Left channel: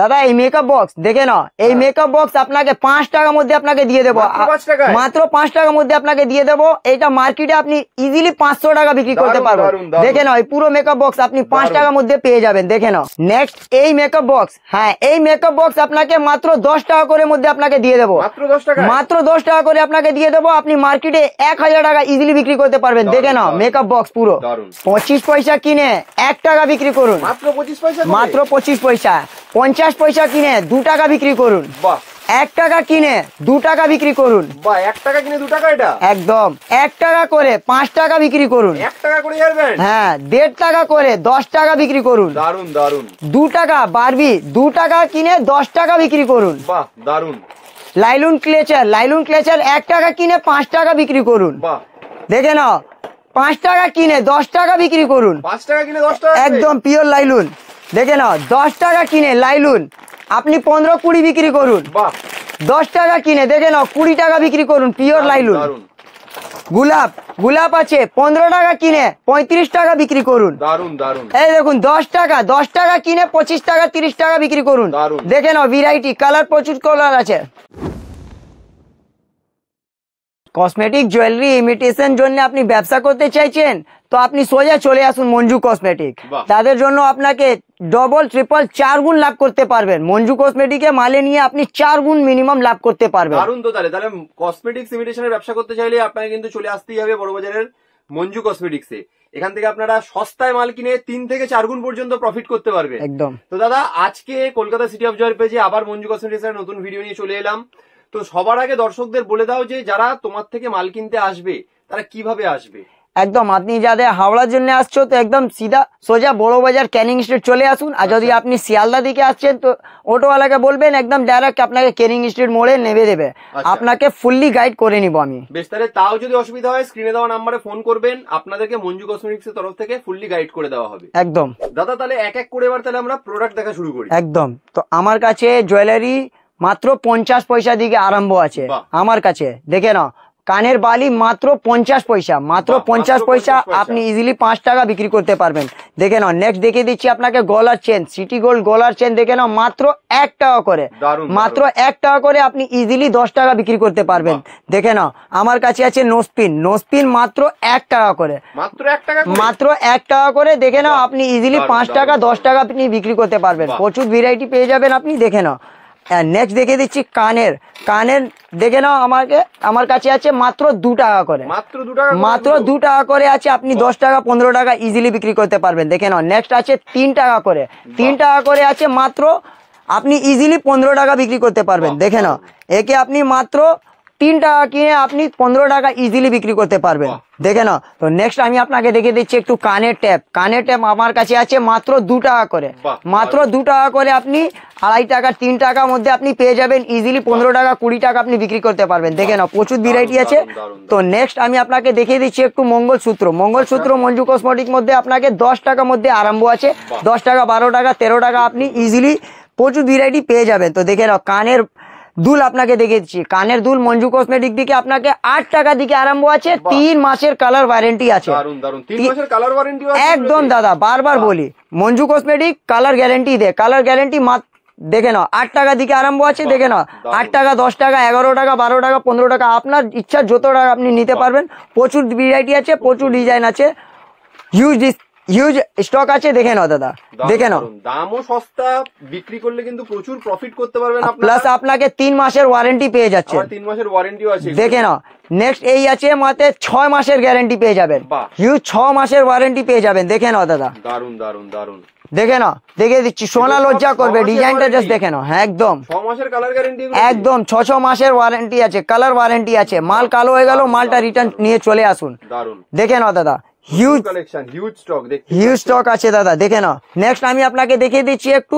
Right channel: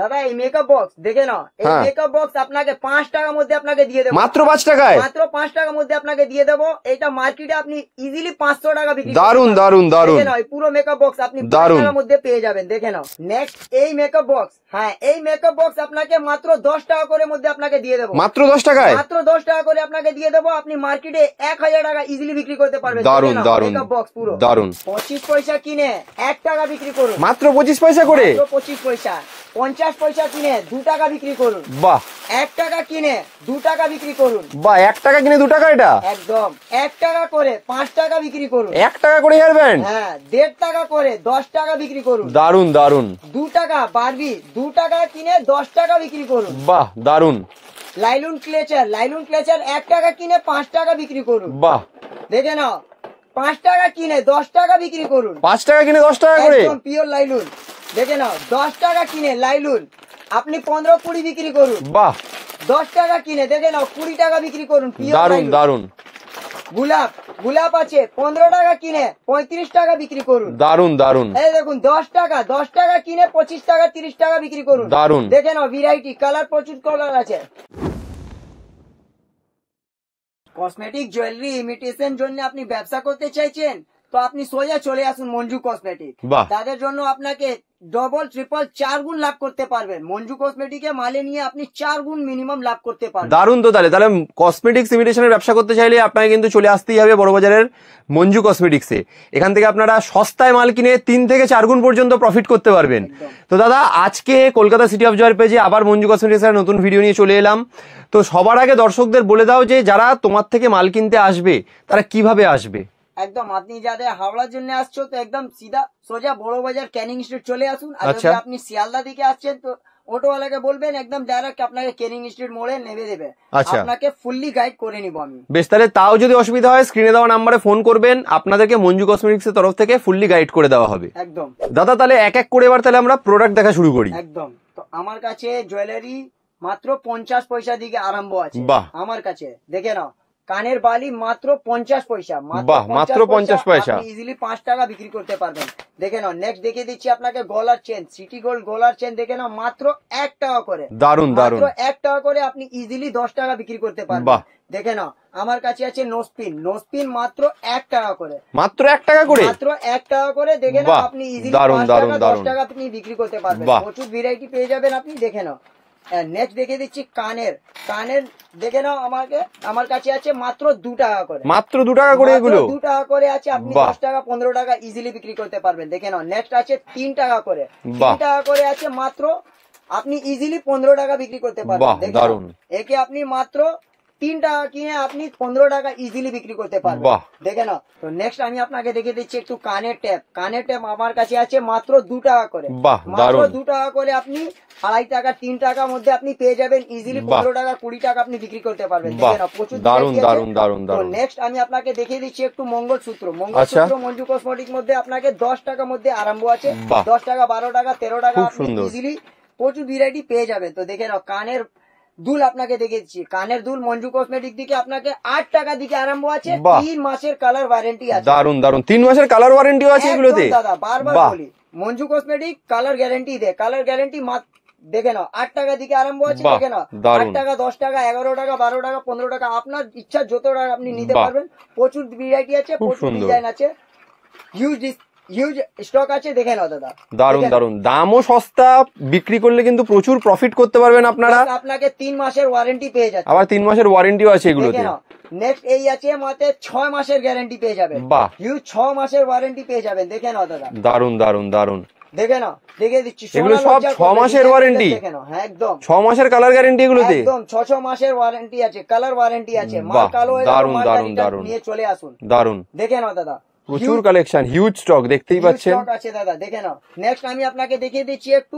দাদা এই makeup box দেখে না, এই মেকআপ বক্স আপনাকে 5 টাকার মধ্যে আপনাকে দিয়ে দেবো, মাত্র 5 টাকায়, মাত্র 5 টাকার মধ্যে আপনাকে দিয়ে দেবো। এটা মার্কেটে আপনি ইজিলি 500 টাকা বিক্রি করতে পারবেন। দেখে নাও এই পুরো মেকআপ বক্স আপনি 5 টাকার মধ্যে পেয়ে যাবেন। দেখে নাও নেক্সট এই মেকআপ বক্স, হ্যাঁ এই মেকআপ বক্স আপনাকে মাত্র 10 টাকা করে মধ্যে আপনাকে দিয়ে দেবো, মাত্র 10 টাকা, মাত্র 10 টাকা করে আপনাকে দিয়ে দেবো। আপনি মার্কেটে 1000 টাকা ইজিলি বিক্রি করতে পারবেন। দেখে নাও মেকআপ বক্স পুরো 25 পয়সা কিনে 1 টাকা বিক্রি করুন, মাত্র 25 পয়সা করে, মাত্র 25 পয়সা। 50 পয়সা কিনে 2 টাকা বিক্রি করুন, বাহ। 1 টাকা কিনে 2 টাকা বিক্রি করুন, বাহ। 1 টাকা কিনে 2 টাকা, এটা একদম 1 টাকা করে 5 টাকা বিক্রি করুন, 1 টাকা করে হেয়ার ব্যান্ড, হ্যাঁ 1.5 টাকা করে 10 টাকা বিক্রি করুন। দারুন দারুন। 2 টাকা বারবি 2 টাকা কিনে 10 টাকা বিক্রি করুন, বাহ দারুন। লাইলুন ক্লেচার, লাইলুন ক্লেচার 1 টাকা কিনে 5 টাকা বিক্রি করুন, বাহ। দেখে নাও 5 টাকা কিনে 10 টাকা বিক্রি করুন, 5 টাকা কিনে 10 টাকা, একদম পিওর লাইলুন। দেখে নাও 10 টাকা কিনে লাইলুন আপনি 15-20 বিক্রি করুন, বাহ। 10 টাকা কিনে দেখে নাও 20 টাকা বিক্রি করুন, পিওর লাইলুন। দারুন। গোলাপ, গোলাপ আছে 15 টাকা কিনে 35 টাকা বিক্রি করুন, দারুন দারুন। এই দেখুন 10 টাকা কিনে 25 টাকা 30 টাকা বিক্রি করুন, দারুন। দেখে নাও ভ্যারাইটি কালার, প্রচুর কালার আছে। কসমেটিক জুয়েলারি ইমিটেশন জন্য আপনি ব্যবসা করতে চাইছেন তো আপনি সোজা চলে আসুন মঞ্জু কসমেটিক। তাদের জন্য আপনাকে ডবল ট্রিপল 4 গুণ লাভ করতে পারবেন। মঞ্জু কসমেটিকে মালে নিয়ে আপনি 4 গুণ মিনিমাম লাভ করতে পারবেন। দারুন। তো তাহলে কসমেটিক্স ইমিটেশনের ব্যবসা করতে চাইলে আপনাকে কিন্তু চলে আসতেই হবে বড়বাজারের মঞ্জু কসমেটিক্সে। এখান থেকে আপনারা সস্তায় মাল কিনে 3 থেকে 4 গুণ পর্যন্ত প্রফিট করতে পারবেন। একদম। তো দাদা আজকে কলকাতা সিটি অফ জয়ের পেজে আবার মঞ্জু কসমেটিক্সের নতুন ভিডিও নিয়ে চলে এলাম। তো সবার আগে দর্শকদের বলে দাও যে যারা তোমার থেকে মাল কিনতে আসবে তারা কিভাবে আসবে। একদম আপনি যাদের হাওড়ার জন্য আসছো তো একদম সিধা সোজা বড় বাজার ক্যানিং স্ট্রিট চলে আসুন। আর যদি আপনি শিয়ালদা দিকে আসছেন তো অটোওয়ালাকে বলবেন একদম ডাইরেক্ট আপনাকে ক্যানিং স্ট্রিট মোড়ে নেমে দেবে, আপনাকে ফুললি গাইড করে নিব আমি। বেশ, তাহলে তাও যদি অসুবিধা হয় স্ক্রিনে দেওয়া নাম্বারে ফোন করবেন, আপনাদেরকে মঞ্জু কসমেটিক্স এর তরফ থেকে ফুললি গাইড করে দেওয়া হবে। একদম দাদা তাহলে এক এক করে এবার তাহলে আমরা প্রোডাক্ট দেখা শুরু করি। একদম। তো আমার কাছে জুয়েলারি মাত্র 50 পয়সা দিকে আরম্ভ আছে আমার কাছে। দেখে নাও কানের বালি মাত্র 50 পয়সা, মাত্র 50 পয়সা আপনি ইজিলি 5 টাকা বিক্রি করতে পারবেন। দেখে নাও নেক্সট দেখে দিচ্ছি আপনাকে গলার চেন, সিটি গোল্ড গলার চেন দেখে নাও মাত্র 1 টাকা করে, মাত্র 1 টাকা করে আপনি ইজিলি 10 টাকা বিক্রি করতে পারবেন। দেখে নাও আমার কাছে আছে নোসপিন, নোসপিন মাত্র 1 টাকা করে, মাত্র 1 টাকা করে, মাত্র 1 টাকা করে। দেখে নাও আপনি ইজিলি 5 টাকা 10 টাকা আপনি বিক্রি করতে পারবেন। প্রচুর ভ্যারাইটি পেয়ে যাবেন আপনি। দেখে নাও নেক্সট দেখে দিচ্ছি কানের, কানের দেখে নাও আমার কাছে আছে মাত্র 2 টাকা করে, মাত্র 2 টাকা করে, মাত্র 2 টাকা করে আছে। আপনি 10 টাকা 15 টাকা ইজিলি বিক্রি করতে পারবেন। দেখে নাও নেক্সট আছে 3 টাকা করে, 3 টাকা করে আছে মাত্র আপনি ইজিলি 15 টাকা বিক্রি করতে পারবেন। দেখে নাও একে আপনি মাত্র 3 টাকা কিনে আপনি 15 টাকা ইজিলি বিক্রি করতে পারবেন। দেখে নাও। তো নেক্সট আমি আপনাকে দেখে দিচ্ছি একটু কানের ট্যাপ, কানের ট্যাপ আমার কাছে আছে মাত্র 2 টাকা করে, মাত্র 2 টাকা করে আপনি 2.5 টাকা 3 টাকার মধ্যে আপনি পেয়ে যাবেন ইজিলি 15 টাকা 20 টাকা আপনি বিক্রি করতে পারবেন। দেখে নাও প্রচুর ভ্যারাইটি আছে। তো নেক্সট আমি আপনাকে দেখিয়ে দিচ্ছি একটু মঙ্গলসূত্র, মঙ্গলসূত্র মঞ্জু কসমেটিক মধ্যে আপনাকে 10 টাকার মধ্যে আরম্ভ আছে, 10 টাকা 12 টাকা 13 টাকা আপনি ইজিলি প্রচুর ভ্যারাইটি পেয়ে যাবেন। তো দেখে নাও কানের দুল আপনাকে দেখে দিচ্ছি, কানের দুল মঞ্জু কসমেটিক দিকে আপনাকে 8 টাকা দিকে আরম্ভ আছে, 3 মাসের কালার ওয়ারেন্টি আছে। দারুন দারুন, 3 মাসের কালার ওয়ারেন্টি আছে একদম দাদা, বারবার বলি মঞ্জু কসমেটিক কালার গ্যারেন্টি দেয়, কালার গ্যারেন্টি দেখে নাও 8 টাকা দিকে আরম্ভ আছে। দেখে নাও 8 টাকা 10 টাকা 11 টাকা 12 টাকা 15 টাকা আপনার ইচ্ছা যত টাকা আপনি নিতে পারবেন। প্রচুর ভ্যারাইটি আছে, প্রচুর ডিজাইন আছে, হিউজ স্টক আছে। দেখে নাও দাদা, দেখে নাও দামও সস্তা, বিক্রি করলে কিন্তু প্রচুর প্রফিট করতে পারবেন আপনারা। আপনাকে 3 মাসের ওয়ারেন্টি পেয়ে যাচ্ছে, আবার 3 মাসের ওয়ারেন্টিও আছে। দেখে নাও নেক্সট এই আছে মাত্র 6 মাসের গ্যারান্টি পেয়ে যাবেন, হিউজ 6 মাসের ওয়ারেন্টি পেয়ে যাবেন। দেখে নাও দাদা, দারুন দারুন দারুন। দেখে নাও দেখে দিচ্ছি, সোনা লজ্জা করবে ডিজাইনটা দেখে নাও। হ্যাঁ একদম 6 মাসের কালার গ্যারান্টি, এগুলো একদম 6 মাসের ওয়ারেন্টি আছে, কালার ওয়ারেন্টি আছে। মাল কালো হয়ে গেল মালটা রিটার্ন নিয়ে চলে আসুন। দারুন। দেখে নাও দাদা হিউজ কালেকশন, হিউজ স্টক, দেখতে পাচ্ছেন হিউজ স্টক আছে দাদা। দেখে নাও নেক্সট আমি আপনাকে দেখিয়ে দিচ্ছি একটু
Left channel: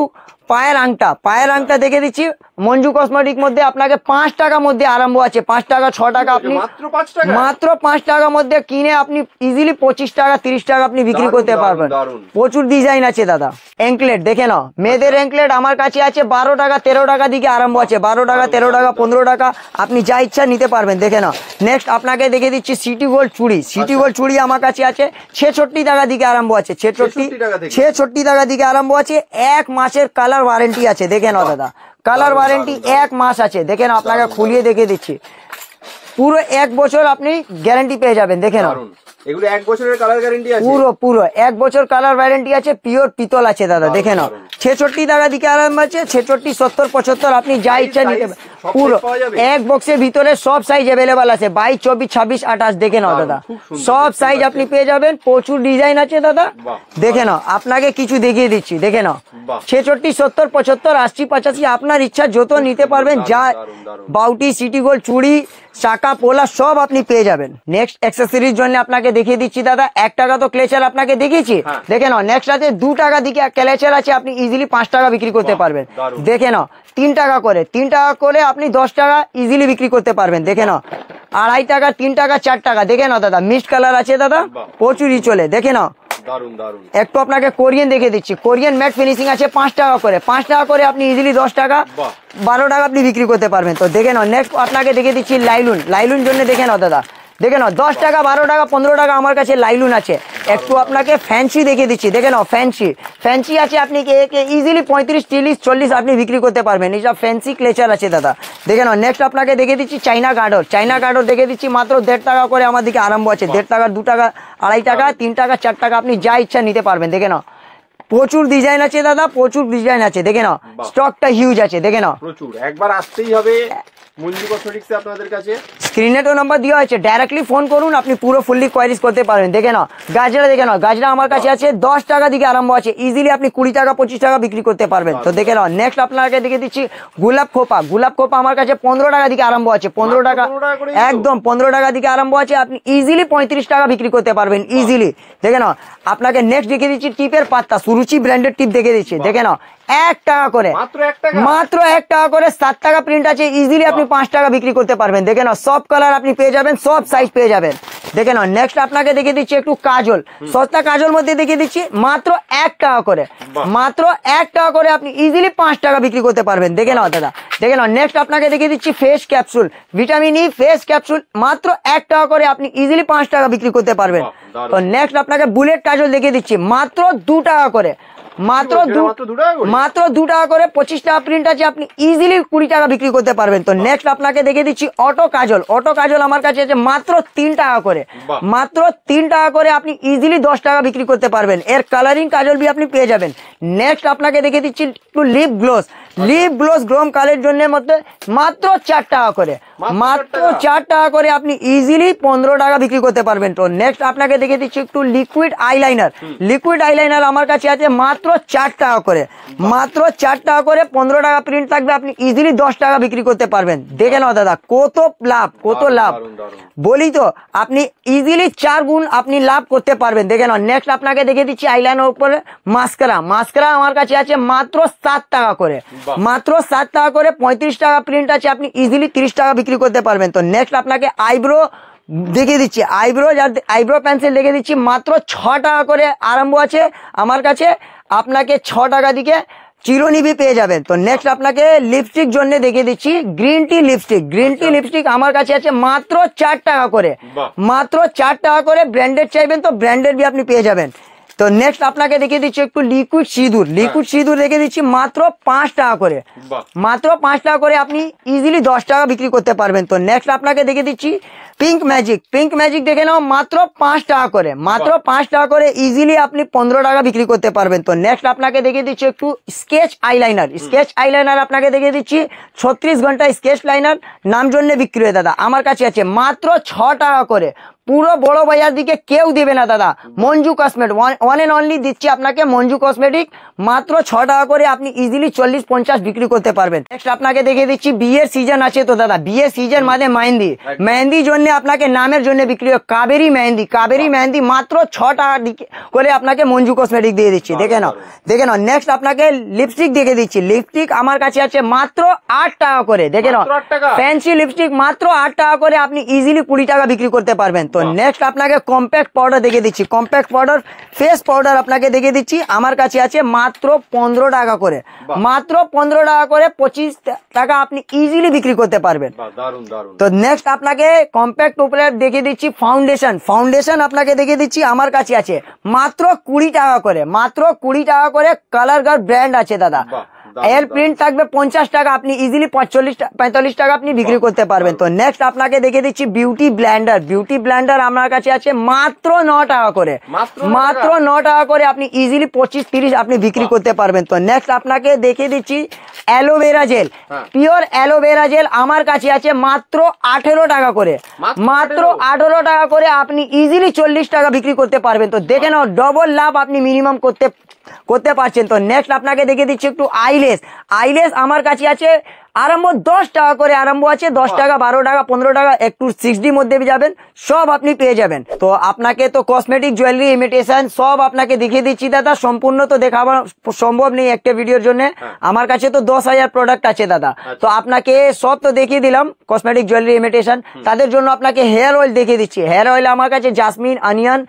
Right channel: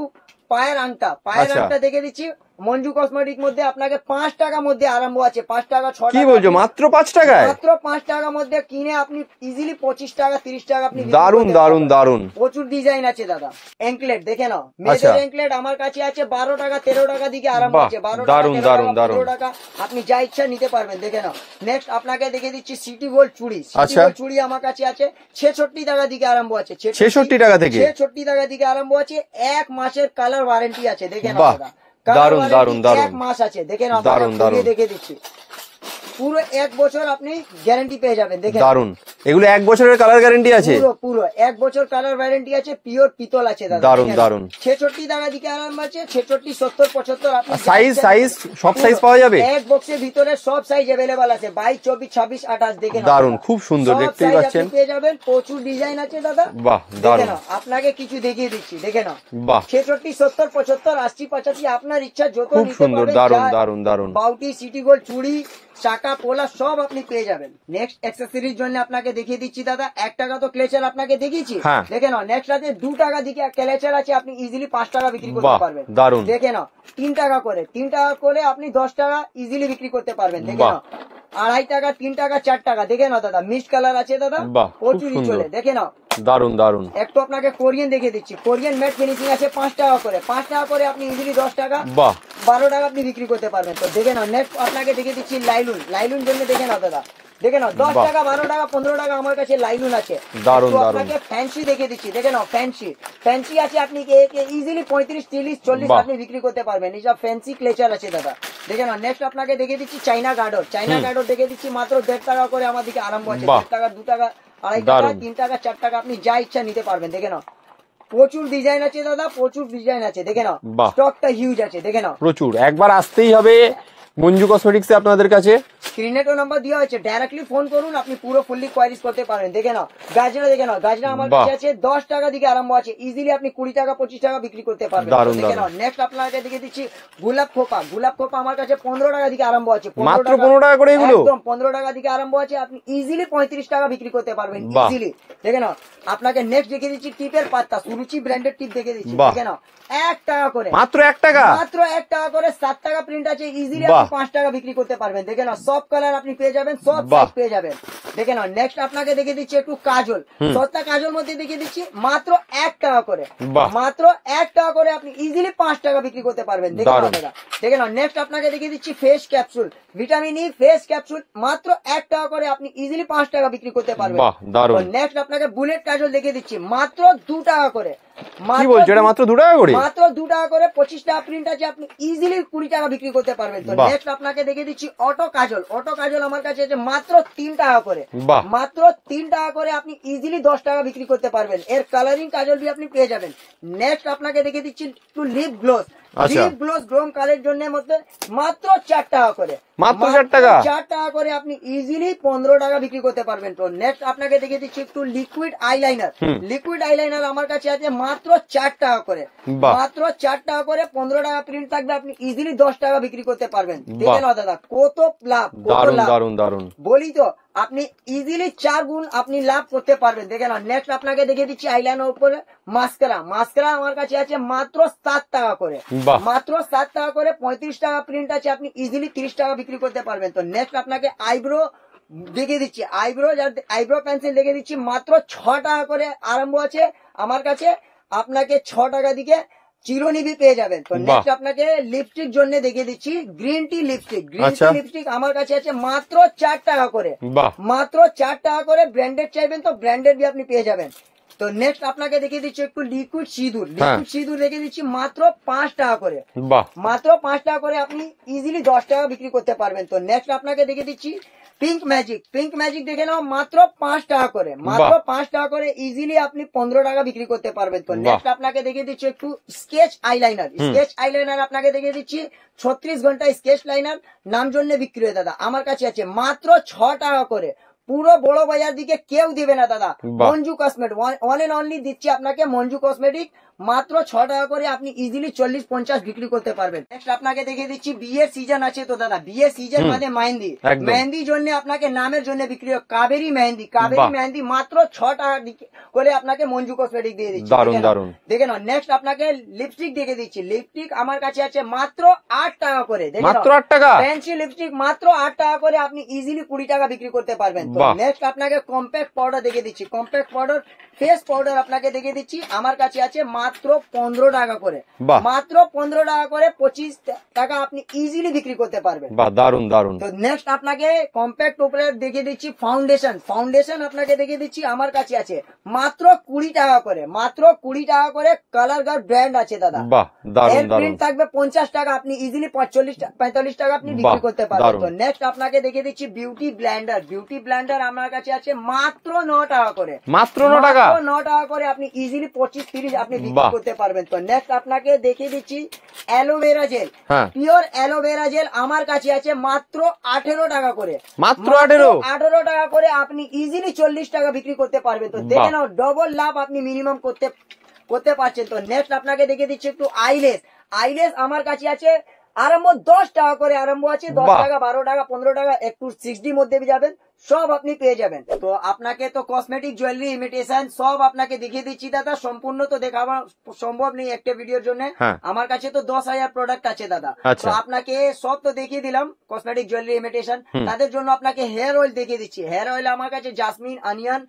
পায়ের আংটা, পায়ের আংটা দেখে দিচ্ছি মঞ্জু কসমেটিক মধ্যে আপনাকে 5 টাকার মধ্যে আরম্ভ আছে, 5 টাকা 6 টাকা, মাত্র 5 টাকা, মাত্র 5 টাকার মধ্যে কিনে আপনি ইজিলি 25 টাকা 30 টাকা আপনি বিক্রি করতে পারবেন। প্রচুর ডিজাইন আছে দাদা। অ্যাঙ্কলেট দেখে নাও, মেয়েদের অ্যাঙ্কলেট আমার কাছে আছে 12 টাকা 13 টাকা দিকে আরম্ভ আছে, 12 টাকা 13 টাকা 15 টাকা আপনি যা ইচ্ছা নিতে পারবেন। দেখে নাও নেক্সট আপনাকে দেখে দিচ্ছি সিটি গোল্ড চুড়ি, সিটি গোল্ড চুড়ি আমার কাছে আছে 66 টাকা দিকে আরম্ভ আছে, 66 টাকা থেকে 66 টাকা দিকে আরম্ভ আছে। 1 মাসের কালার কালার ওয়ারেন্টি আছে, দেখে নাও বাহ, দাদা, কালার দারুণ, ওয়ারেন্টি দারুণ, দারুণ। 1 মাস আছে, দেখে নাও, আপনাকে দারুণ, খুলিয়ে দারুণ। দেখিয়ে দিচ্ছি, পুরো 1 বছর আপনি গ্যারান্টি পেয়ে যাবেন, দেখে নাও, দারুন, এগুলো 1 বছরের কালার গ্যারান্টি আছে। পুরো পুরো 1 বছর কালার ওয়ারেন্টি আছে, পিওর পিতল আছে দাদা, দারুণ, দেখে নাও, দারুণ। 66 টাকা দিকে আরাম আছে, 66, 70, 75 আপনি যা সাইজ, ইচ্ছা সাইজ, সব সাইজ পাওয়া যাবে? এক বক্সের ভিতরে সব সাইজ अवेलेबल আছে, 22, 24, 26, 28, দেখে নাও দারুণ, দাদা, খুব সুন্দর, সব দেখতেই সাইজ পাচ্ছেন। আপনি পেয়ে যাবেন, প্রচুর ডিজাইন আছে দাদা, বাহ, দেখে দারুণ। নাও, আপনাকে কিছু দেখিয়ে দিচ্ছি, দেখে নাও, বাহ। 66, 70, 75, 80, 85 আপনার ইচ্ছা যত খুব নিতে সুন্দর, পারবেন, দারুণ, যা দারুণ, দারুণ। বাউটি, সিটি গোল্ড, চুড়ি, চাকা, পোলা সব আপনি পেয়ে যাবেন। নেক্সট অ্যাক্সেসরিজ জন্য আপনাকে দেখিয়ে দিচ্ছি দাদা, 1 টাকা তো ক্লেচার আপনাকে দেখিয়েছি, হ্যাঁ। দেখে নাও, নেক্সট আছে 2 টাকা দিকে ক্লেচার আছে, আপনি ইজিলি 5 টাকা বিক্রি করতে বাহ, পারবেন, দারুণ। দেখে নাও, 3 টাকা করে, 3 টাকা করে আপনি 10 টাকা ইজিলি বিক্রি করতে পারবেন, দেখে বাহ। নাও, 2.5 টাকা, 3 টাকা, 4 টাকা, দেখে নাও দাদা, মিক্সড কালার আছে দাদা, বাহ, খুব প্রচুরই সুন্দর। চলে, দেখে নাও, দারুন, দারুন। একটু আপনাকে কোরিয়ান দেখে দিচ্ছি, কোরিয়ান ম্যাট ফিনিশিং আছে 5 টাকা করে, 5 টাকা করে আপনি ইজিলি 10 টাকা, বাহ। 12 টাকা আপনি বিক্রি করতে পারবেন। তো দেখে নাও, নেক্সট আপনাকে দেখে দিচ্ছি লাইলুন, লাইলুন জন্য দেখে নাও দাদা, দেখে নাও 10 বাহ। টাকা, 12 টাকা, 15 টাকা আমার কাছে লাইলুন আছে। দারুণ, একটু দারুণ। আপনাকে ফ্যান্সি দেখে দিচ্ছি, দেখে নাও, ফ্যান্সি, ফ্যান্সি আছে, আপনি ইজিলি 35, 30, 40 বাহ। আপনি বিক্রি করতে পারবেন, এইসব ফ্যান্সি ক্লেচার আছে দাদা, দেখে নাও। নেক্সট আপনাকে দেখে দিচ্ছি চাইনা গার্ডর, চাইনা গার্ডর দেখে দিচ্ছি মাত্র 1.5 টাকা করে আমার দিকে আরম্ভ আছে, বাহ। 1.5 টাকা, 2 টাকা, 2.5 টাকা, দারুণ। 3 টাকা, 4 টাকা আপনি যা ইচ্ছা নিতে পারবেন, দেখে নাও, প্রচুর ডিজাইন আছে দাদা, প্রচুর ডিজাইন আছে, দেখে নাও, বাহ। স্টকটা হিউজ আছে, দেখে নাও। প্রচুর, একবার আসতেই হবে মঞ্জু কসমেটিক্সে আপনাদের কাছে। স্ক্রিনে তো নাম্বার দেওয়া আছে, ডাইরেক্টলি ফোন করুন, আপনি পুরো ফুললি কোয়ারিজ করতে পারবেন, দেখে নাও, গাজরা দেখে নাও, গাজরা আমার কাছে বাহ। আছে 10 টাকা দিকে আরম্ভ আছে, ইজিলি আপনি 20 টাকা, 25 টাকা বিক্রি করতে পারবেন। তো দারুণ, দেখে নাও, দারুণ। নেক্সট আপনাকে দেখে দিচ্ছি গোলাপ খোপা, গোলাপ খোপা আমার কাছে 15 টাকা দিকে আরম্ভ আছে, 15 মাত্র টাকা, 15 টাকা করে এগুলো? একদম 15 টাকা দিকে আরম্ভ আছে, আপনি ইজিলি 35 টাকা বিক্রি করতে পারবেন, বাহ। ইজিলি, দেখে নাও। আপনাকে নেক্সট দেখে দিচ্ছি টিপের পাত্তা, সুরুচি ব্র্যান্ডের টিপ দেখে দিচ্ছি, বাহ। দেখে নাও, 1 টাকা করে, মাত্র 1 টাকা? মাত্র 1 টাকা করে, 7 টাকা প্রিন্ট আছে, ইজিলি আপনি বাহ। 5 টাকা বিক্রি করতে পারবেন, দেখে নাও, সব কালার আপনি পেয়ে যাবেন, সব সাইজ পেয়ে যাবেন, দেখে নাও। নেক্সট আপনাকে দেখে দিচ্ছি একটু কাজল, সস্তা কাজল মধ্যে দেখে দিচ্ছি মাত্র 1 টাকা করে, বাহ। মাত্র 1 টাকা করে আপনি ইজিলি 5 টাকা বিক্রি করতে পারবেন, দেখে নাও দারুণ। দাদা, দেখে নাও। নেক্সট আপনাকে দেখে দিচ্ছি face capsule, vitamin E face capsule, মাত্র 1 টাকা করে আপনি ইজিলি 5 টাকা বিক্রি করতে পারবেন। বাহ, দারুণ। নেক্সট আপনাকে বুলেট কাজল দেখে দিচ্ছি মাত্র 2 টাকা করে, মাত্র বলছো, এটা মাত্র 2 টাকা করে? মাত্র 2 টাকা করে, 25 টাকা প্রিন্ট আছে, আপনি ইজিলি 20 টাকা বিক্রি করতে পারবেন। তো বাহ। নেক্সট আপনাকে দেখে দিচ্ছি অটো কাজল, অটো কাজল আমার কাছে আছে মাত্র 3 টাকা করে, বাহ। মাত্র 3 টাকা করে আপনি ইজিলি 10 টাকা বিক্রি করতে পারবেন, এর কালারিং কাজল বি আপনি পেয়ে যাবেন। নেক্সট আপনাকে দেখে দিচ্ছি একটু লিপ গ্লোস, লিপ গ্লোস গ্রোম কালের জন্য মধ্যে মাত্র 4 টাকা করে, মাত্র 4 টাকা? 4 টাকা করে আপনি ইজিলি 15 টাকা বিক্রি করতে পারবেন। তো নেক্সট আপনাকে দেখে দিচ্ছি একটু লিকুইড আইলাইনার, লিকুইড আইলাইনার আমার কাছে আছে মাত্র 4 টাকা করে, বাহ। মাত্র 4 টাকা করে, 15 টাকা প্রিন্ট থাকবে, আপনি ইজিলি 10 টাকা বিক্রি করতে পারবেন, দেখে বাহ। নাও দাদা, কত লাভ, কত দারুণ, লাভ, দারুণ, দারুণ। বলি তো, আপনি ইজিলি 4 গুণ আপনি লাভ করতে পারবেন, দেখে নাও। নেক্সট আপনাকে দেখে দিচ্ছি আইলাইনার উপরে মাস্কারা, মাস্কারা আমার কাছে আছে মাত্র 7 টাকা করে, বাহ। মাত্র 7 টাকা করে, 35 টাকা প্রিন্ট আছে, আপনি ইজিলি 30 টাকা বিক্রি করতে পারবেন। তো নেক্সট আপনাকে আইব্রো দেখিয়ে দিচ্ছি, আইব্রো পেন্সিল দেখে দিচ্ছি মাত্র 6 টাকা করে আরম্ভ আছে আমার কাছে, আপনাকে 6 টাকা দিকে চিরনিবি পেয়ে যাবেন। তো নেক্সট আপনাকে লিপস্টিক জন্য দেখিয়ে দিচ্ছি green tea lipstick, green tea আচ্ছা। লিপস্টিক আমার কাছে আছে মাত্র 4 টাকা করে, বাহ। মাত্র 4 টাকা করে, ব্র্যান্ডেড চাইবেন তো ব্র্যান্ডেড বি আপনি পেয়ে যাবেন। তো নেক্সট আপনাকে দেখিয়ে দিচ্ছি একটু লিকুইড সিঁদুর, লিকুইড সিঁদুর দেখে দিচ্ছি মাত্র 5 টাকা করে, বাহ। মাত্র 5 টাকা করে আপনি ইজিলি 10 টাকা বিক্রি করতে পারবেন। তো নেক্সট আপনাকে দেখে দিচ্ছি পিঙ্ক ম্যাজিক, পিঙ্ক ম্যাজিক দেখে নাও মাত্র 5 টাকা করে, মাত্র বাহ। 5 টাকা করে ইজিলি আপনি 15 টাকা বিক্রি করতে পারবেন। তো নেক্সট আপনাকে দেখে দিচ্ছি একটু স্কেচ আইলাইনার, স্কেচ আইলাইনার আপনাকে দেখে দিচ্ছি 36 ঘন্টা স্কেচ লাইনার নাম জন্য বিক্রি হয় দাদা, আমার কাছে আছে মাত্র 6 টাকা করে, পুরো বড় বাজার দিকে কেউ দিবে না দাদা, Manju cosmetic one and only দিচ্ছি আপনাকে, মঞ্জু কসমেটিক মাত্র 6 টাকা করে আপনি ইজিলি 40-50 বিক্রি করতে পারবেন। নেক্সট আপনাকে দেখে দিচ্ছি বিয়ের সিজন আছে তো দাদা, বিয়ের সিজন মানে মেহেন্দি, একদম। মেহেন্দি জন্য আপনাকে নামের জন্য বিক্রি হয় কাবেরি মেহেন্দি, কাবেরি বাহ। মেহেন্দি মাত্র 6 টাকা করে আপনাকে মঞ্জু কসমেটিক দিয়ে দিচ্ছি, দারুণ, দেখে নাও, দারুণ। দেখে নাও। নেক্সট আপনাকে লিপস্টিক দেখে দিচ্ছি, লিপস্টিক আমার কাছে আছে মাত্র 8 টাকা করে, দেখে নাও, মাত্র 8 টাকা? ফ্যান্সি লিপস্টিক মাত্র 8 টাকা করে আপনি ইজিলি 20 টাকা বিক্রি করতে পারবেন। তো বাহ। নেক্সট আপনাকে কম্প্যাক্ট পাউডার দেখে দিচ্ছি, কম্প্যাক্ট পাউডার ফেস পাউডার আপনাকে দেখে দিচ্ছি, আমার কাছে আছে মাত্র 15 টাকা করে, বাহ। মাত্র 15 টাকা করে 25 টাকা আপনি ইজিলি বিক্রি করতে পারবেন। বাহ, দারুন দারুন। তো নেক্সট আপনাকে কম্প্যাক্ট উপরে দেখে দিচ্ছি ফাউন্ডেশন, ফাউন্ডেশন আপনাকে দেখে দিচ্ছি, আমার কাছে আছে মাত্র 20 টাকা করে, মাত্র 20 টাকা করে। কালার গার্ড ব্র্যান্ড আছে দাদা, বাহ, দারুন, এর প্রিন্ট থাকবে 50 টাকা, আপনি ইজিলি 45 টাকা আপনি বিক্রি বাহ, করতে পারবেন। দারুন। তো নেক্সট আপনাকে দেখে দিচ্ছি বিউটি ব্লেন্ডার, বিউটি ব্লেন্ডার আমার কাছে আছে মাত্র 9 টাকা করে, মাত্র 9 টাকা? মাত্র 9 টাকা করে আপনি ইজিলি 25-30 আপনি বিক্রি বাহ। করতে পারবেন। তো নেক্সট আপনাকে দেখে দিচ্ছি অ্যালোভেরা জেল, হ্যাঁ। পিওর অ্যালোভেরা জেল আমার কাছে আছে মাত্র 18 টাকা করে, মাত্র 18 টাকা করে আপনি ইজিলি 40 টাকা বিক্রি করতে পারবেন। তো দেখে বাহ। নাও ডবল লাভ আপনি মিনিমাম করতে পারছেন। তো নেক্সট আপনাকে দেখে দিচ্ছি একটু আইলেস, আইলেস আমার কাছে আছে আরম্ভ 10 টাকা করে, আরম্ভ আছে 10 বাহ। টাকা, 12 টাকা, 15 টাকা, একটু 6D মধ্যে যাবেন, সব আপনি পেয়ে যাবেন। তো আপনাকে তো কসমেটিক জুয়েলারি ইমিটেশন সব আপনাকে দেখিয়ে দিচ্ছি দাদা, সম্পূর্ণ তো দেখানো সম্ভব নেই একটা ভিডিওর জন্য, হ্যাঁ। আমার কাছে তো 10,000 প্রোডাক্ট আছে দাদা। আচ্ছা। তো আপনাকে সব তো দেখিয়ে দিলাম কসমেটিক জুয়েলারি ইমিটেশন, তাদের জন্য আপনাকে হেয়ার অয়েল দেখিয়ে দিচ্ছি। হেয়ার অয়েল আমার কাছে জাসমিন, অনিয়ন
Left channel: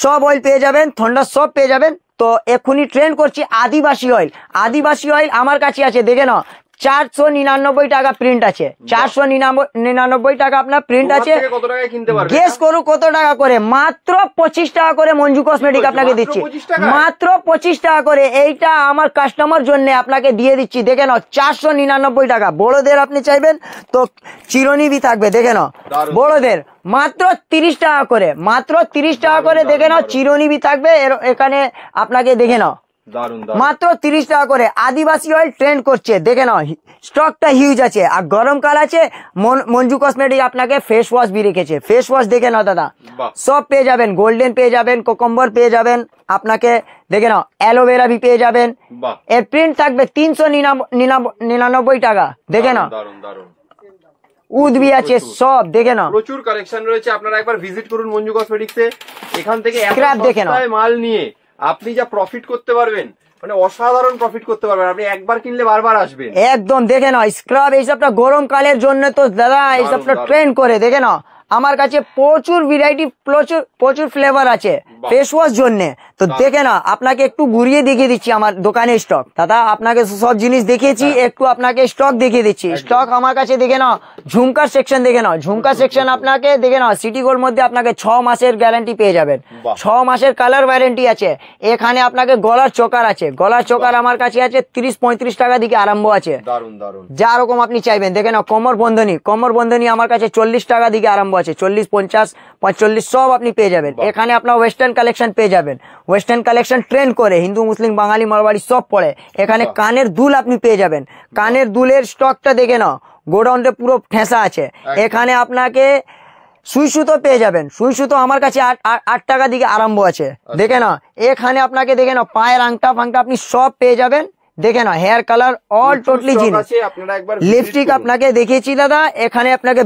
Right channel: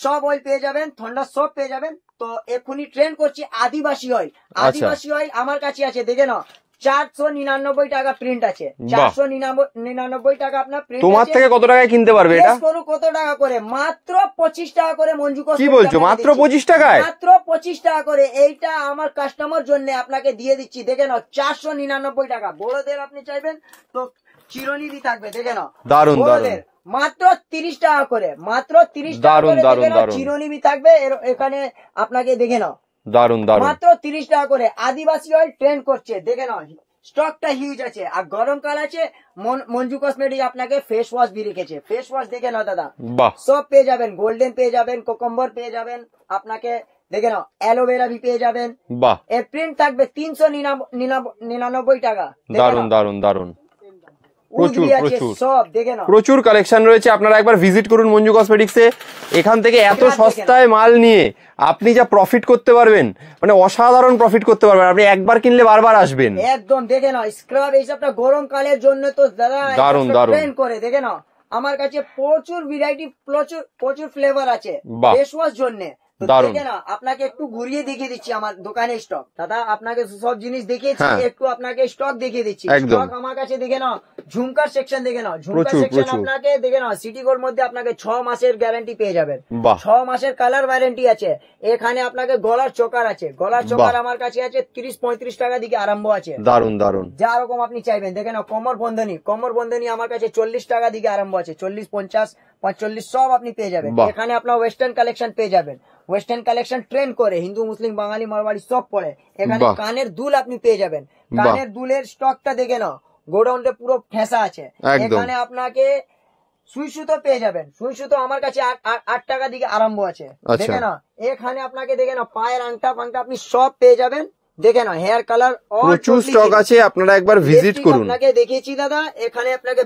সব অয়েল পেয়ে যাবেন, থন্ডা সব পেয়ে যাবেন। তো এক্ষুনি ট্রেন্ড করছি আদিবাসী অয়েল, আদিবাসী অয়েল আমার কাছে আছে দেখে নাও 499 টাকা প্রিন্ট আছে, 499 টাকা আপনার প্রিন্ট তোমার আছে। থেকে কত টাকায় কিনতে পারবে গেস এটা? করো কত টাকা করে, মাত্র 25 টাকা করে মঞ্জু কসমেটিক বলছো? আপনাকে মাত্র দিচ্ছি, 25 টাকায়? মাত্র 25 টাকা করে। এইটা আমার কাস্টমার জন্য আপনাকে দিয়ে দিচ্ছি দেখে নাও 499 টাকা। বড়দের আপনি চাইবেন তো চিরুনি বি থাকবে দেখে নাও, দারুন, বড়দের মাত্র 30 টাকা করে, মাত্র 30 টাকা দারুন, করে দারুন, দেখে নাও, দারুন। চিরুনি বি থাকবে এখানে আপনাকে দেখে নাও, দারুন দারুন। মাত্র 30 টাকা করে। আদিবাসী অয়েল ট্রেন্ড করছে দেখে নাও, স্টকটা হিউজ আছে। আর গরমকাল আছে, মঞ্জু কসমেটিক আপনাকে ফেস ওয়াশ বি রেখেছে, ফেস ওয়াশ দেখে নাও দাদা, বাহ। সব পেয়ে যাবেন, গোল্ডেন পেয়ে যাবেন, কোকম্বর পেয়ে যাবেন, আপনাকে দেখে নাও অ্যালোভেরা বি পেয়ে যাবেন। বাহ, এর প্রিন্ট থাকবে 399 টাকা দেখে দারুন নাও, দারুন দারুন। উদবি আছে প্রচুর। সব দেখে নাও। প্রচুর কালেকশন রয়েছে, আপনারা একবার ভিজিট করুন মঞ্জু কসমেটিক্সে। এখান থেকে এত Scrap দেখে নাও। সস্তায় মাল নিয়ে আপনি যা প্রফিট করতে পারবেন, মানে অসাধারণ প্রফিট করতে পারবেন। আপনি একবার কিনলে বারবার আসবেন। একদম দেখে নাও, স্ক্রাব এইসবটা গরমকালের জন্য তো দাদা এইসবটা দারুণ। ট্রেন্ড করে দেখে নাও। আমার কাছে প্রচুর ভ্যারাইটি, প্রচুর ফ্লেভার আছে বাহ। ফেস ওয়াশ জন্য। তো দারুণ। দেখে না, আপনাকে একটু ঘুরিয়ে দেখিয়ে দিচ্ছি আমার দোকানের স্টক। দাদা আপনাকে সব জিনিস দেখিয়েছি, হ্যাঁ। একটু আপনাকে স্টক দেখিয়ে দিচ্ছি। একদম। স্টক আমার কাছে দেখে নাও, ঝুমকার সেকশন দেখে নাও, ঝুমকার প্রচুর, সেকশন প্রচুর। আপনাকে দেখে নাও, সিটি গোল্ড মধ্যে আপনাকে 6 মাসের গ্যারান্টি পেয়ে যাবেন, বাহ। 6 মাসের কালার ওয়ারেন্টি আছে। এখানে আপনাকে গলার চোকার আছে, গলার চোকার বাহ। আমার কাছে আছে 30-35 টাকা দিকে আরম্ভ আছে, দারুন দারুন। যা রকম আপনি চাইবেন দেখে নাও। কোমর বন্ধনী আমার কাছে 40 টাকা দিকে আরম্ভ আছে, 40, 50, 45 সব আপনি পেয়ে যাবেন। বাহ। এখানে আপনার ওয়েস্টার্ন কালেকশন পেয়ে যাবেন, ওয়েস্টার্ন কালেকশন ট্রেন্ড করে হিন্দু মুসলিম বাঙালি মারওয়াড়ি সব পড়ে। এখানে বাহ। কানের দুল আপনি পেয়ে যাবেন, কানের দুলের স্টকটা দেখে নাও, গোডাউনে পুরো ঠেসা আছে। একদম। এখানে আপনাকে সুই সুতো পেয়ে যাবেন, সুই সুতো আমার কাছে 8 টাকা দিকে আরম্ভ আছে আচ্ছা। দেখে নাও। এখানে আপনাকে দেখে নাও পায়ের আংটা ফাংটা আপনি সব পেয়ে যাবেন দেখে নাও। হেয়ার কালার অল প্রচুর টোটালি স্টক আছে, আপনারা একবার ভিজিট লিপস্টিক করুন। আপনাকে দেখিয়েছি দাদা, এখানে আপনাকে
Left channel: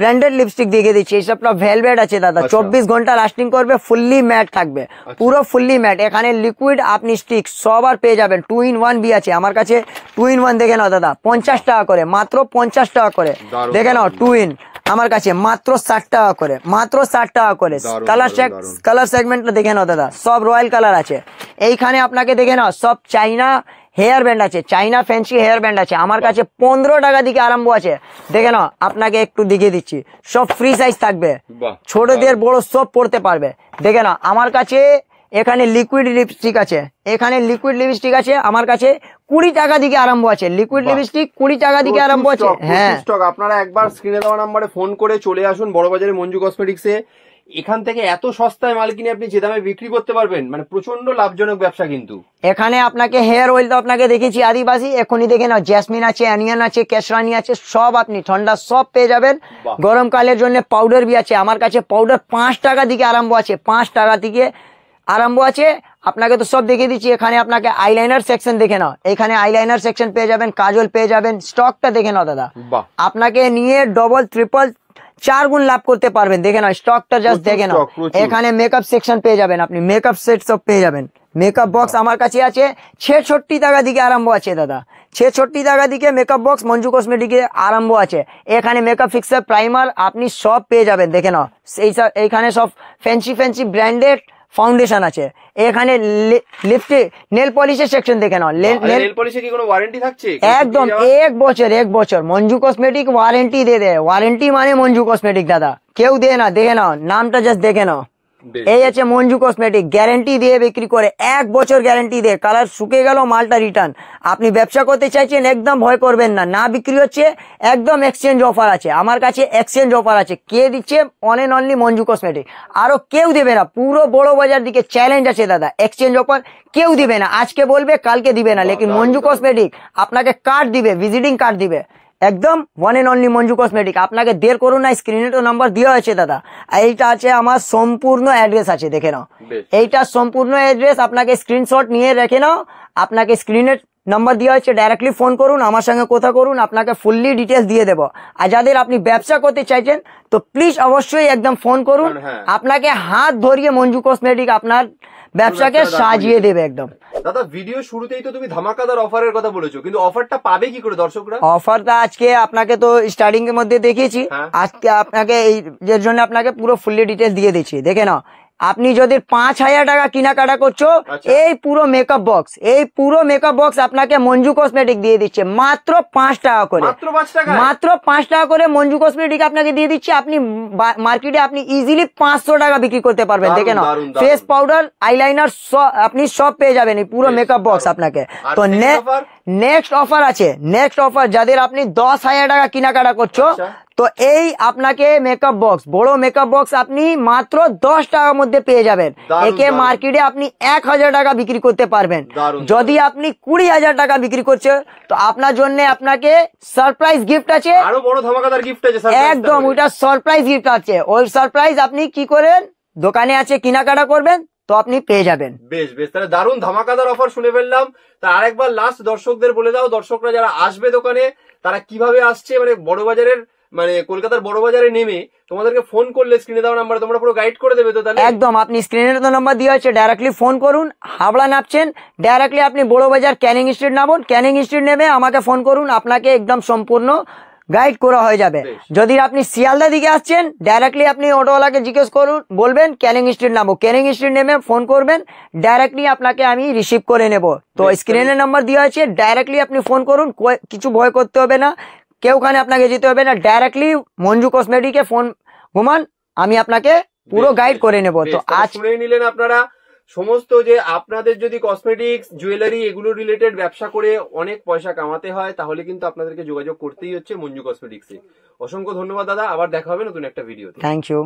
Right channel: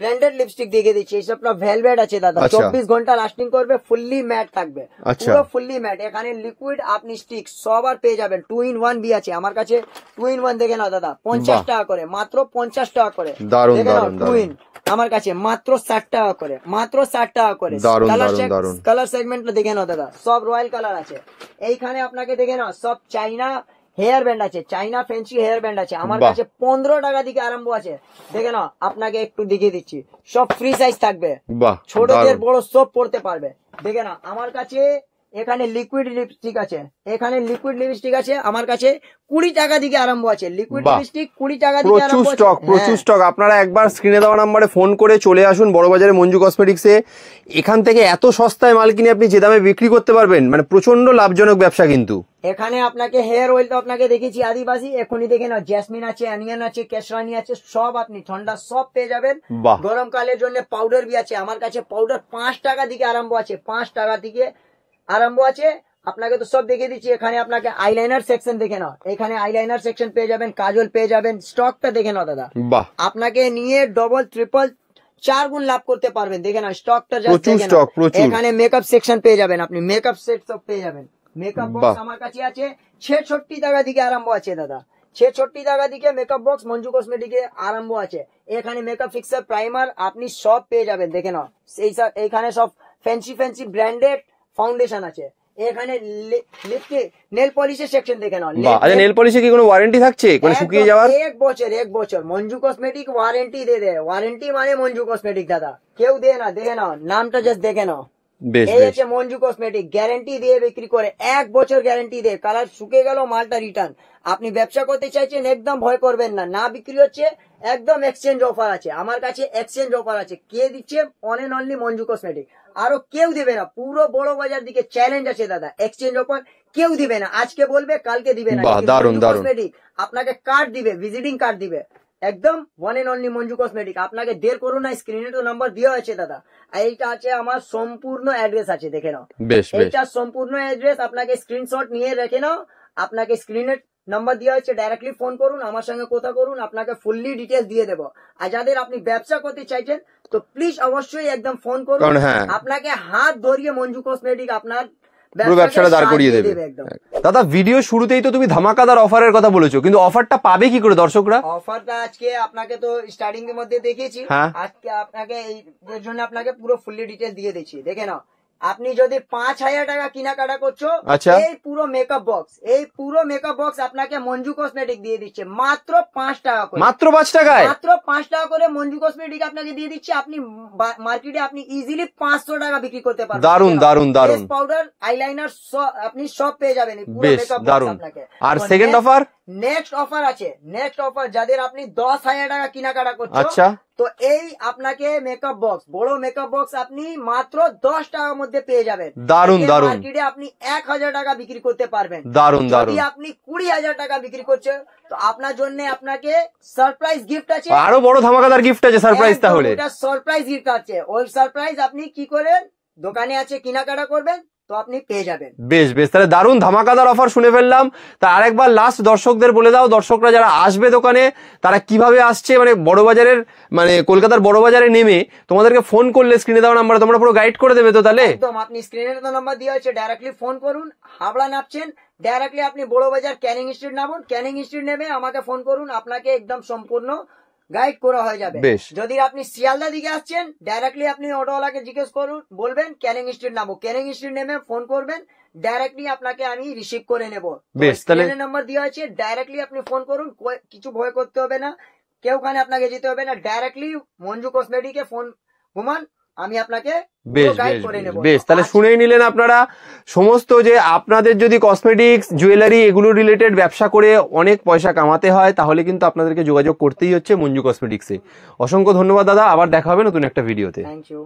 ব্র্যান্ডেড লিপস্টিক দেখিয়ে দিচ্ছি। এইসব আপনার ভেলভেট আছে দাদা, আচ্ছা। 24 ঘন্টা লাস্টিং করবে, ফুললি ম্যাট থাকবে, আচ্ছা। পুরো ফুললি ম্যাট। এখানে লিকুইড আপনি স্টিক সব আর পেয়ে যাবেন। 2 in 1 বি আছে আমার কাছে, 2 in 1 দেখে নাও দাদা, 50 বাহ। টাকা করে, মাত্র 50 টাকা করে দারুণ, দেখে নাও। দারুণ, 2 in আমার কাছে মাত্র 60 টাকা করে, মাত্র 60 টাকা করে। দারুণ, কালার দারুণ, দারুণ। কালার সেগমেন্টটা দেখে নাও দাদা, সব রয়্যাল কালার আছে। এইখানে আপনাকে দেখে নাও সব চাইনা হেয়ার ব্যান্ড আছে, চাইনা ফ্যান্সি হেয়ার ব্যান্ড আছে আমার বাহ। কাছে 15 টাকা দিকে আরম্ভ আছে দেখে নাও। আপনাকে একটু দেখিয়ে দিচ্ছি, সব ফ্রি সাইজ থাকবে, বাহ, ছোটদের দারুণ। বড় সব পড়তে পারবে দেখে নাও। আমার কাছে এখানে লিকুইড লিপস্টিক আছে, এখানে লিকুইড লিপস্টিক আছে আমার কাছে 20 টাকা দিকে আরম্ভ আছে, লিকুইড বাহ। লিপস্টিক 20 টাকা দিকে আরম্ভ আছে। প্রচুর স্টক। আপনারা একবার স্ক্রিনে দেওয়া নাম্বারে ফোন করে চলে আসুন বড়বাজারে মঞ্জু কসমেটিক্সে। এখান থেকে এত সস্তায় মাল কিনে আপনি যে দামে বিক্রি করতে পারবেন, মানে প্রচন্ড লাভজনক ব্যবসা কিন্তু। এখানে আপনাকে হেয়ার অয়েল তো আপনাকে দেখেছি আদিবাসী, এখনই দেখে নাও জেসমিন আছে, অনিয়ন আছে, কেশরানি আছে, সব আপনি ঠান্ডা সব পেয়ে যাবেন। বাহ। গরমকালের জন্য পাউডার বি আছে আমার কাছে, পাউডার 5 টাকা দিকে আরম্ভ আছে, 5 টাকা থেকে আরম্ভ আছে। আপনাকে তো সব দেখিয়ে দিচ্ছি। এখানে আপনাকে আইলাইনার সেকশন দেখে নাও, এখানে আইলাইনার সেকশন পেয়ে যাবেন, কাজল পেয়ে যাবেন। স্টকটা দেখে নাও দাদা, বাহ। আপনাকে নিয়ে ডবল ট্রিপল 4 গুণ লাভ করতে পারবেন দেখে নাও। স্টকটা জাস্ট প্রচুর দেখে নাও। stock, প্রচুর। এখানে মেকআপ সেকশন পেয়ে যাবেন, আপনি মেকআপ সেট সব পেয়ে যাবেন। মেকআপ বক্স বাহ। আমার কাছে আছে 66 টাকা দিকে আরম্ভ আছে দাদা, ছেষট্টি টাকা দিকে মেকআপ বক্স মঞ্জু কসমেটিকে আরম্ভ আছে। এখানে মেকআপ ফিক্সার, প্রাইমার আপনি সব পেয়ে যাবেন। দেখে নাও এইখানে সব ফ্যান্সি ব্র্যান্ডেড ফাউন্ডেশন আছে। এখানে লিপস্টিক, নেল পলিশের সেকশন দেখে নাও। নেল পলিশে কি কোনো ওয়ারেন্টি থাকছে? একদম এক বছর মঞ্জু কসমেটিক ওয়ারেন্টি দেয়। ওয়ারেন্টি মানে মঞ্জু কসমেটিক দাদা, কেউ দেয় না। দেখে নাও নামটা, জাস্ট দেখে নাও। এই আছে মঞ্জু কসমেটিক, গ্যারান্টি দিয়ে বিক্রি করে, 1 বছর গ্যারান্টি দেয়। কালার শুকে গেল মালটা রিটার্ন। আপনি ব্যবসা করতে চাইছেন, একদম ভয় করবেন না। না বিক্রি হচ্ছে, একদম এক্সচেঞ্জ অফার আছে। আমার কাছে এক্সচেঞ্জ অফার আছে। কে দিচ্ছে? One and only Manju cosmetic, আরো কেউ দেবে না। পুরো বড় বাজার দিকে চ্যালেঞ্জ আছে দাদা, এক্সচেঞ্জ অফার কেউ দিবে না। আজকে বলবে, কালকে দিবে না, লেকিন মঞ্জু কসমেটিক আপনাকে কার্ড দিবে, ভিজিটিং কার্ড দিবে। একদম one and only Manju cosmetic. আপনাকে দের করুন না, স্ক্রিনে তো নাম্বার দেওয়া আছে দাদা। এইটা আছে আমার সম্পূর্ণ অ্যাড্রেস আছে, দেখে নাও। এইটা সম্পূর্ণ অ্যাড্রেস, আপনাকে স্ক্রিনশট নিয়ে রেখে নাও। আপনাকে স্ক্রিনের নাম্বার দেওয়া আছে, ডাইরেক্টলি ফোন করুন, আমার সঙ্গে কথা করুন, আপনাকে ফুললি ডিটেলস দিয়ে দেবো। আর যাদের আপনি ব্যবসা করতে চাইছেন, তো প্লিজ অবশ্যই একদম ফোন করুন। আপনাকে হাত ধরিয়ে মঞ্জু কসমেটিক আপনার ব্যবসাকে সাজিয়ে দেবে একদম। দাদা, ভিডিও শুরুতেই তো তুমি ধামাকাদার অফারের কথা বলেছো, কিন্তু অফারটা পাবে কি করে দর্শকরা? অফারটা আজকে আপনাকে তো স্টার্টিং এর মধ্যে দেখিয়েছি, আজকে আপনাকে এই জন্য আপনাকে পুরো ফুললি ডিটেলস দিয়ে দিচ্ছি। দেখে নাও, আপনি যদি 5,000 টাকা কেনাকাটা করছো, এই পুরো মেকআপ বক্স আপনাকে মঞ্জু কসমেটিক দিয়ে দিচ্ছে মাত্র 5 টাকা করে। মাত্র 5 টাকা? মাত্র 5 টাকা করে মঞ্জু কসমেটিক আপনাকে দিয়ে দিচ্ছে। আপনি মার্কেটে আপনি ইজিলি 500 টাকা বিক্রি করতে পারবেন। দেখেন, ফেস পাউডার, আইলাইনার আপনি সব পেয়ে যাবেন এই পুরো মেকআপ বক্স আপনাকে। তো নেক্সট অফার আছে, নেক্সট অফার যাদের আপনি 10,000 টাকা কেনাকাটা করছো, তো এই আপনাকে মেকআপ বক্স, বড় মেকআপ বক্স আপনি মাত্র 10 টাকার মধ্যে পেয়ে যাবেন। একে মার্কেটে আপনি 1,000 টাকা বিক্রি করতে পারবেন। যদি আপনি 20,000 টাকা বিক্রি করছে, তো আপনার জন্য আপনাকে সারপ্রাইজ গিফট আছে, আরো বড় ধামাকাদার গিফট আছে। সারপ্রাইজ, একদম ওটা সারপ্রাইজ গিফট আছে। ওই সারপ্রাইজ আপনি কি করেন, দোকানে আছে কেনাকাটা করবেন, তো আপনি পেয়ে যাবেন। বেশ বেশ, তাহলে দারুণ ধামাকাদার অফার শুনে ফেললাম। তা আরেকবার লাস্ট দর্শকদের বলে দাও, দর্শকরা যারা আসবে দোকানে তারা কিভাবে আসছে, মানে বড়বাজারের, মানে কলকাতার বড়বাজারে নেমে তোমাদেরকে ফোন করলে স্ক্রিনে দেওয়া নাম্বার তোমরা পুরো গাইড করে দেবে তো? তাহলে একদম, আপনি স্ক্রিনের তো নাম্বার দেওয়া আছে, ডাইরেক্টলি ফোন করুন। হাবড়া নামছেন, ডাইরেক্টলি আপনি বড়বাজার ক্যানিং স্ট্রিট নামুন, ক্যানিং স্ট্রিট নেমে আমাকে ফোন করুন, আপনাকে একদম সম্পূর্ণ গাইড করা হয়ে যাবে। যদি আপনি শিয়ালদা দিকে আসছেন, ডাইরেক্টলি আপনি অটোওয়ালাকে জিজ্ঞেস করুন, বলবেন ক্যানিং স্ট্রিট নামো, ক্যানিং স্ট্রিট নেমে ফোন করবেন, ডাইরেক্টলি আপনাকে আমি রিসিভ করে নেব। তো স্ক্রিনের নাম্বার দেওয়া আছে, ডাইরেক্টলি আপনি ফোন করুন, কিছু ভয় করতে হবে না, কেউখানে আপনাকে যেতে হবে না, ডাইরেক্টলি মঞ্জু কসমেটিকে ফোন ঘুমান, আমি আপনাকে পুরো গাইড করে নেব। তাহলে শুনেই নিলেন আপনারা, সমস্ত যে আপনাদের যদি কসমেটিক্স, জুয়েলারি এগুলো রিলেটেড ব্যবসা করে অনেক পয়সা কামাতে হয়, তাহলে কিন্তু আপনাদেরকে যোগাযোগ করতেই হচ্ছে মঞ্জু কসমেটিক্সে। অসংখ্য ধন্যবাদ দাদা, আবার দেখা হবে নতুন একটা ভিডিওতে। Thank you.